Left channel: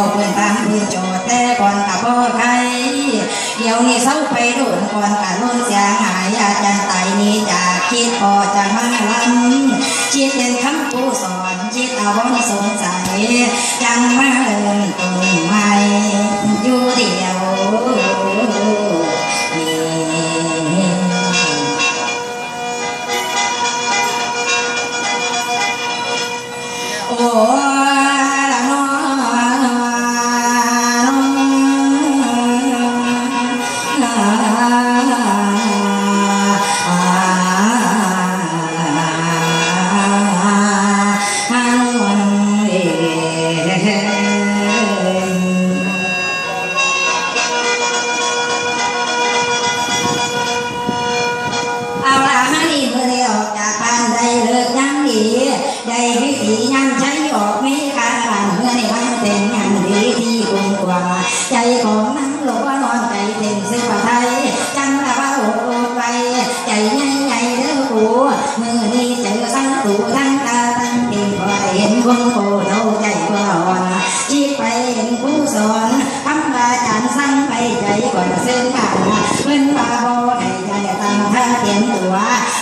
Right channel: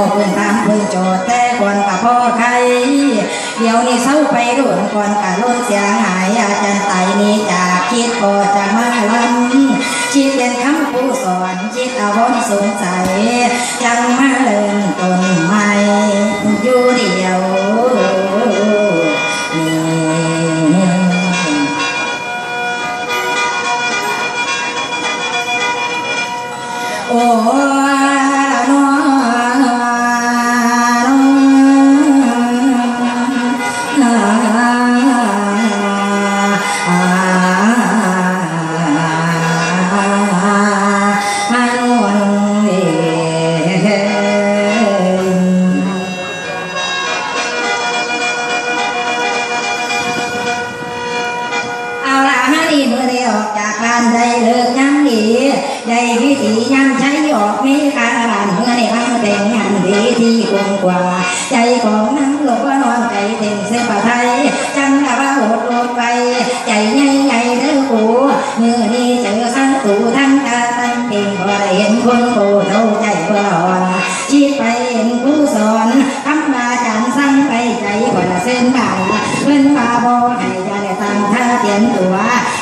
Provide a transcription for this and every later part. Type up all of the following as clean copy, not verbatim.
บอกพื้นตามพื้นโจทย์แต่ก่อนกับพ่อใครเดี๋ยวนี้เศร้าไปโดนก่อนกับล้นเสียหายอาจารย์ไตนี้จากคิดพอจะมาล้ำคิดเป็นคำผู้สอนคิดเอาวนสงสัยจังมาเริ่มต้นใหม่อยู่เดียวโอ้ได้วิธียังใช้ออกนี้ค่ะเมื่อในมันเป็นงานดีที่คุ้มกว่าใจของน้ำหลวงว่านอนใจเต็มเส้นไทยจังว่าโหดลงไปใจใหญ่เด้อกูเมื่อนี้เจอทั้งตู่ทั้งตาทั้งเองพอได้เห็นคนโตเท่าใจกว่าอ่อนชี้ไปเห็นผู้สอนคำว่าจานสั่งไปใจกว่าเส้นกันเพื่อนว่าบ่ให้ใจตั้งท่าเตรียมตัว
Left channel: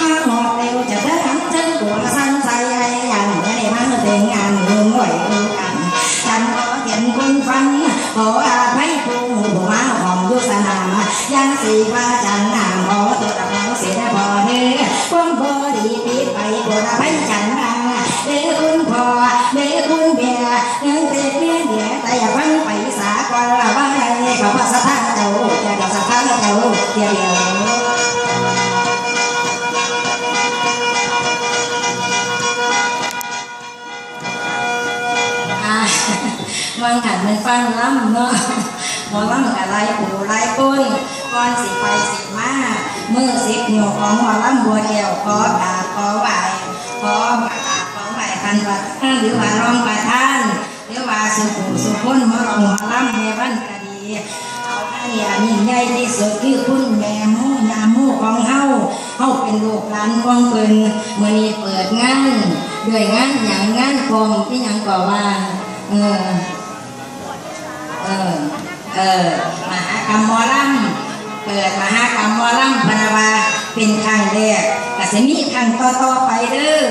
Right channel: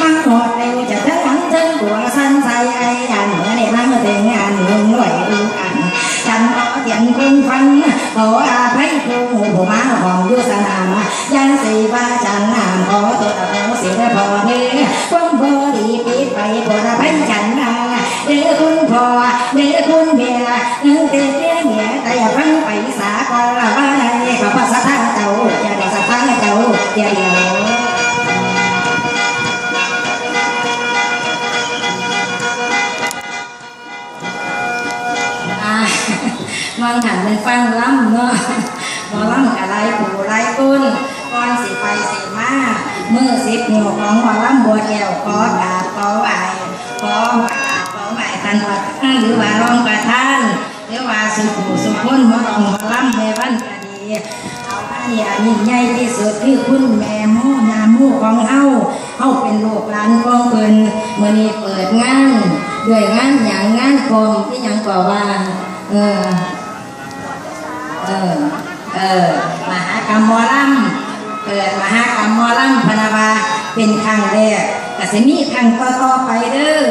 มั่งหอดเร็วจะทั้งทั้งทั้งตัวสั้นใส่ไอ้ยันเมื่อในมันเป็นงานหนึ่งไหวดูกันจันขอเตียนคนฟังขออาภัยผู้ผู้มาของยุสนามยังสีว่าจันนามขอตัวตะโพเสียพอเด้อความบดีปีไปปวดภัยฉันนาเด้อคุณพ่อเด้อคุณเมียเงินเต็มเมียแต่อย่าฟังไปสาก่อนว่าให้พระพัสดุเจ้าจะได้สักพักเจ้าเดียวมันหันมันฟังล้ำเมื่อมองล้ำกับลายปูลายต้นก้อนสีไปสีมาเมื่อสิบหนูของมอล้ำบัวแก้วขอกราบขอไหวขอไหวพันหรือว่าร้องประทานหรือว่าสุขุสุขคนมาลองมาล้ำในวันคดีเอาอันนี้อันนี้ใหญ่ที่สุดคือคุณแม่มู่ยามู่ของเฮาเป็นลูกหลานของเพิ่นเมื่อนี้เปิดงานด้วยงานอย่างงานกองที่ยังกว่าว่ามหากรรมหมอลำเปิดมหากรรมหมอลำพนาวาเป็นครั้งแรกก็จะมีครั้งต่อไปเด้อ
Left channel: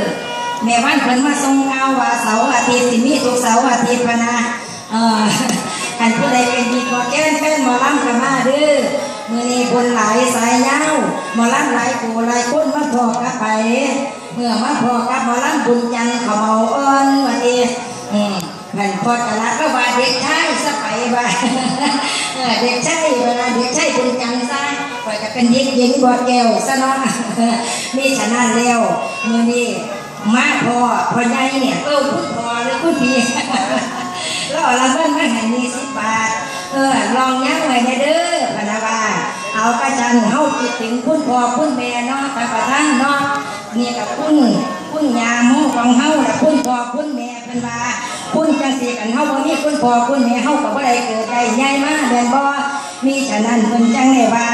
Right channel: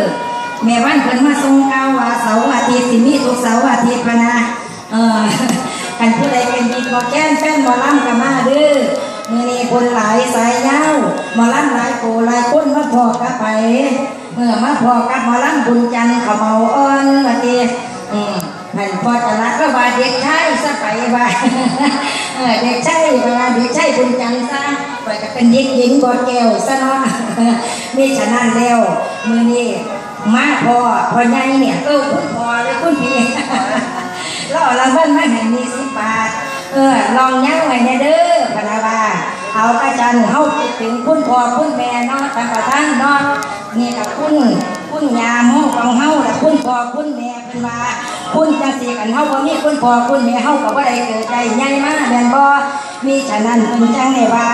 แม่วันเพิ่นมาทรงเอาว่าเสาร์อาทิตย์สิมีทุกเสาร์อาทิตย์พนะกันผู้ใดเป็นดีพอแก้นแฟนหมอลำกันมาเด้อมือนี้คนหลายสายยาวหมอลำหลายกูหลายคนมาพอกันไปเมื่อมาพอกับหมอลำบุญจันทร์ขมเมาอ่อนวันนี้นั่นพอจะรักก็ว่าเด็กชายซะไปว่าเด็กชายว่าเด็กชายบุญจันทร์ซะไปก็เป็นเด็กหญิงบอดแก้วซะเนาะนี่ฉะนั้นแล้วมือนี้มาพอใหญ่เนี่ยคุณพอเลยคุณพี่แล้วเราเพิ่นมาให้มี10 บาทลองยั้งไว้ในเด้อพนาวาเอาประจันเขาคิดถึงคุณพ่อคุณแม่เนาะทางประท่านเนาะนี่กับคุณยามของเฮาและคุณพ่อคุณแม่เพิ่นว่าคุณจังสีกันเฮาบ่มีคุณพ่อคุณแม่เฮาก็บ่ได้เกิดใจใหญ่มาแม่นบ่มีฉะนั้นเพิ่นจังได้ว่า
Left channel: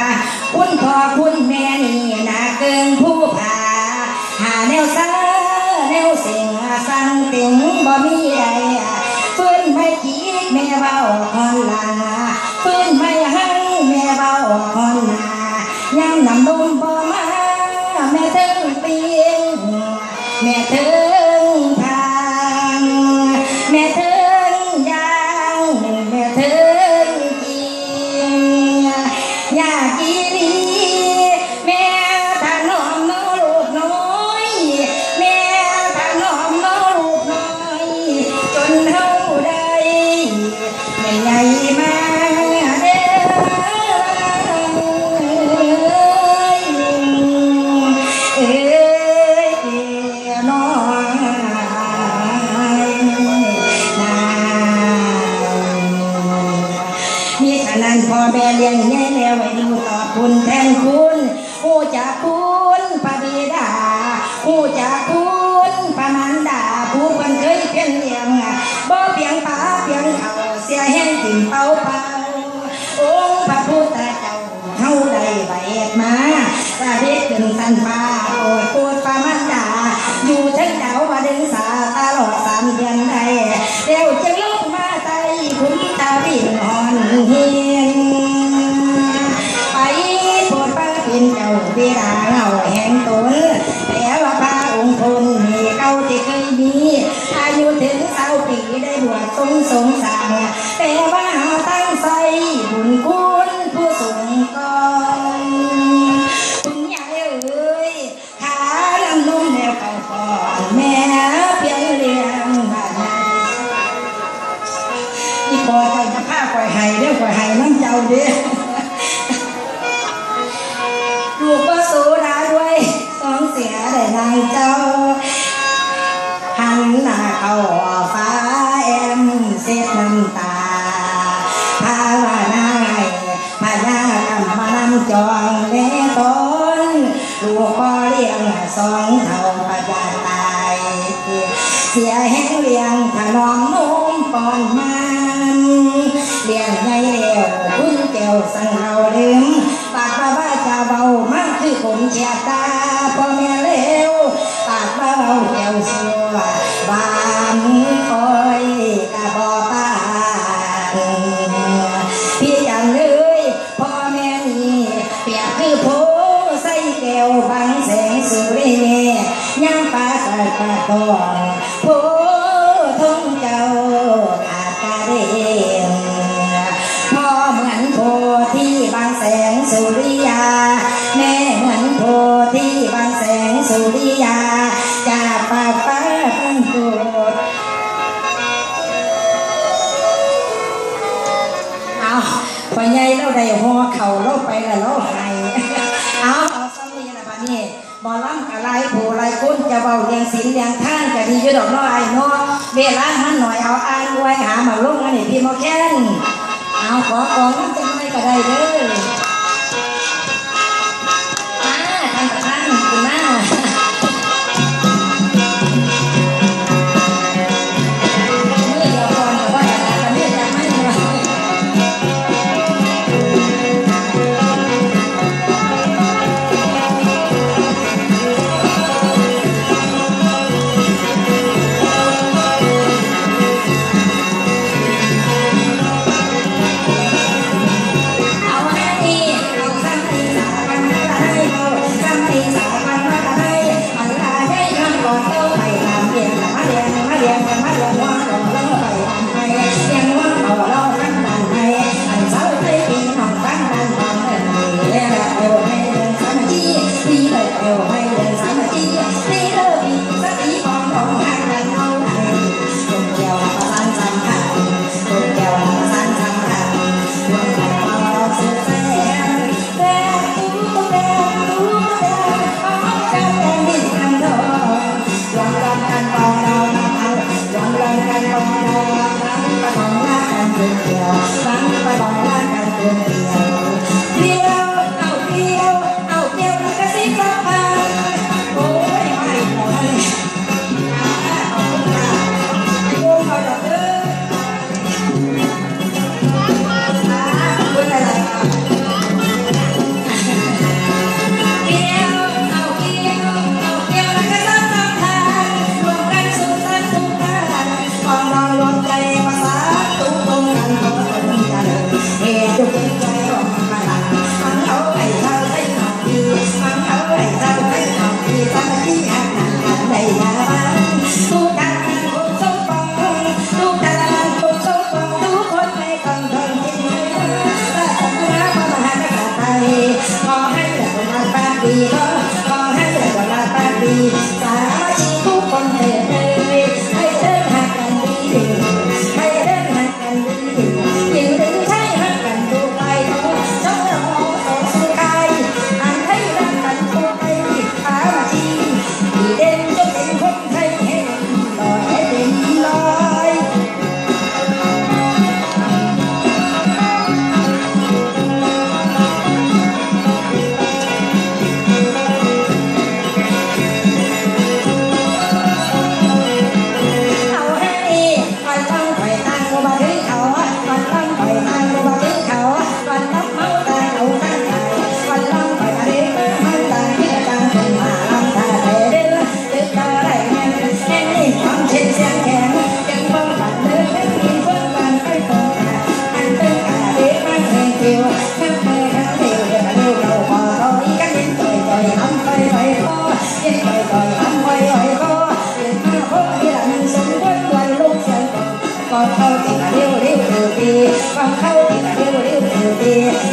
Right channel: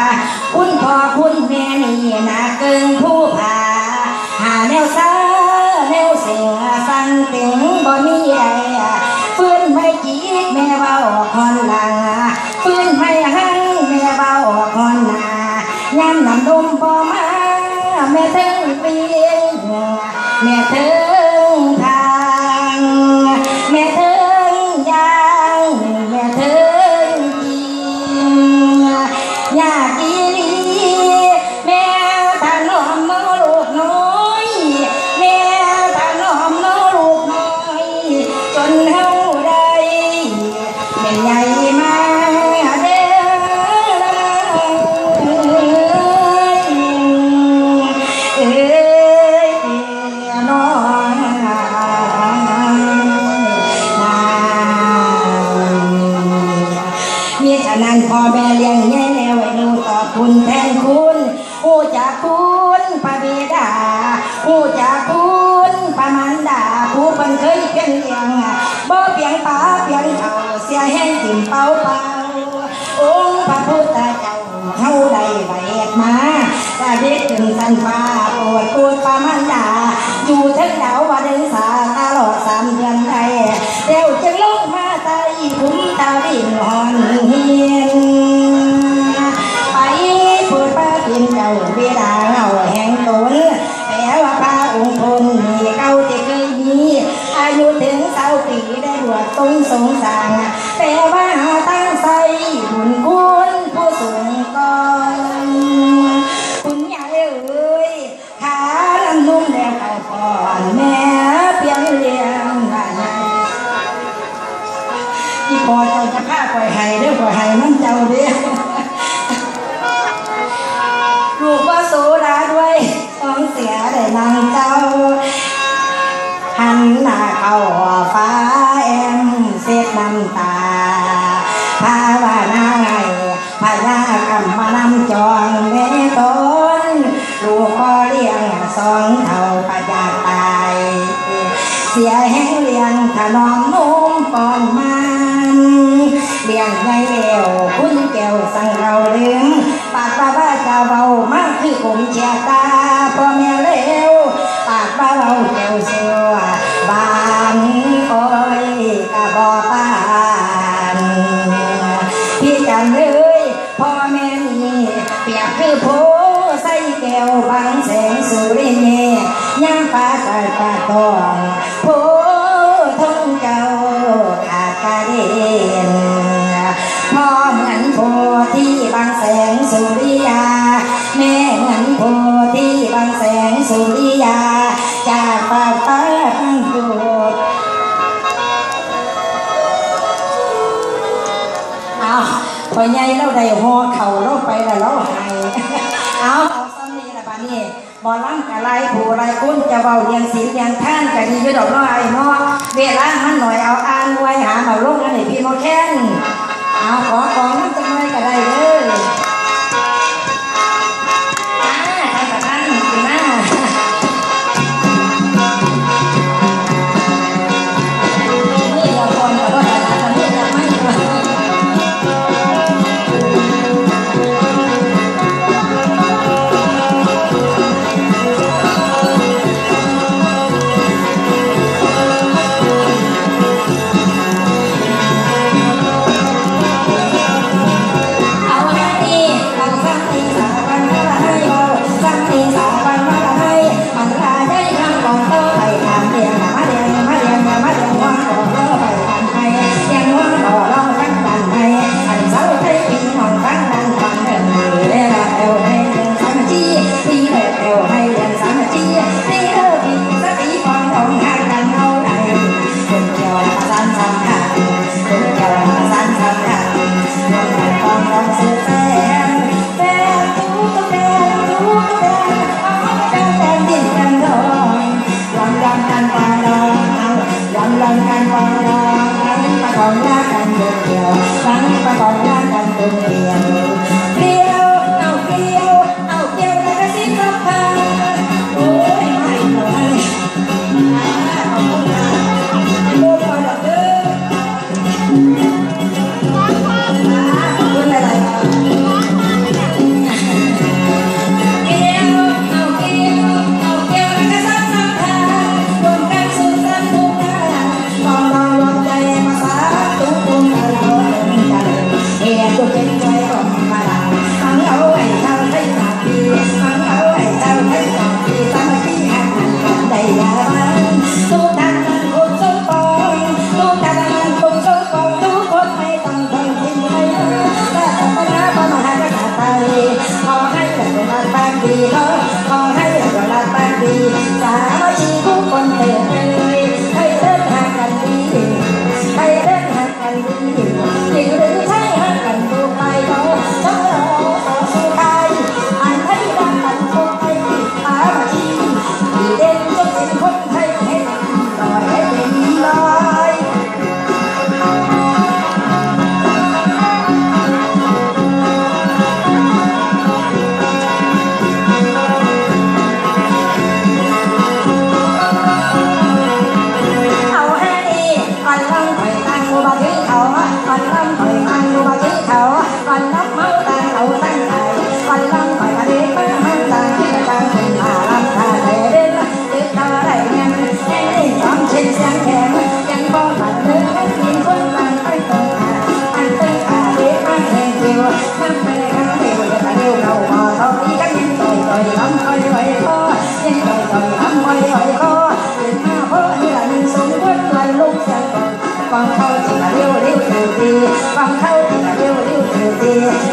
คุณพ่อคุณแม่นี่น่าเกินผู้พาหาแนวซาแนวเสียงฟังถึงบ่มีใดฟื้นไม่คิดแม่เว้าคอนหลังฟื้นไม่หังแม่เว้าคอนหน้ายังนำนมบ่มาแม่ถึงปีนแม่ถึงทางแม่ถึงยางแม่ถึงกินอยากกินแม่ถนอมน้อลูกน้อยแม่ถนอมน้อลูกน้อยจนเฮาได้ใหญ่มาเด้พ่อแม่เลี้ยงแย่แล้วดูต่อคุณแทนคุณผู้จากคุณพระบิดาผู้จากคุณพระมารดาผู้คนเคยเพียงเลี้ยงบ่เพียงป่าเพียงเขาเสียให้ถึงเป่าองค์พระพุทธเจ้าเฮาได้ไว้มาตาเด็กขึ้นสันฟ้าโปรดพระมารดาอยู่ทั้งดาวว่าเดินสาตลอด3 เดือนไทยเดี๋ยวจะลงมาใจคุ้ม ปล่อยให้เด้อปล่อยให้น้องเจ้าเด้อลูกว่าสู้นะด้วยต้องเสียได้นางเจ้าหันหน้าเข้าฟ้าแอมเสียน้ำตาภาวนาให้พญากรรมมานำจองแม่ตนลูกบ่เลี้ยงสองเท่าพญาตายเสียแห้งเลี้ยงถนอมนุ่มก่อนมันเลี้ยงใหญ่แล้วคุณแก้วสั่งเราเลี้ยงปากว่าเจ้าเบามากคือผมเชียตาพ่อแม่เลวปากเบาแก้วสัวบานคอยกะบ่ปานพี่จำเลยพ่อแม่มีเปียกคือโพใส่แก้วบางแสงสุริเนย่างฟ้าใส่กระตองโพทุ่งเจ้าขาดกระเด็นพ่อเหมือนโพที่บางแสงสุริยาแม่เหมือนโพที่บางแสงสุริยาจากปากฟ้าตั้งโกรธเอาพอใหญ่เราได้ห่อเข่าเราไปแล้วเราให้เอาซ้ำนี้ละบ้านนี้บ่ล้ำกะไรผู้ไรคุ้นจะเบาเรียงศีลเรียงท่านกะดีอยู่ดอกน้อยเนาะเวลามันหน่อยเอาอ่านไว้หามาลงอันนี้พี่มอแค้นเอาขอของมันจะไม่กะได้เลยท่านประธานกินหน้าฟังเขาที่กะเลี้ยวเลี้ยวเธอดี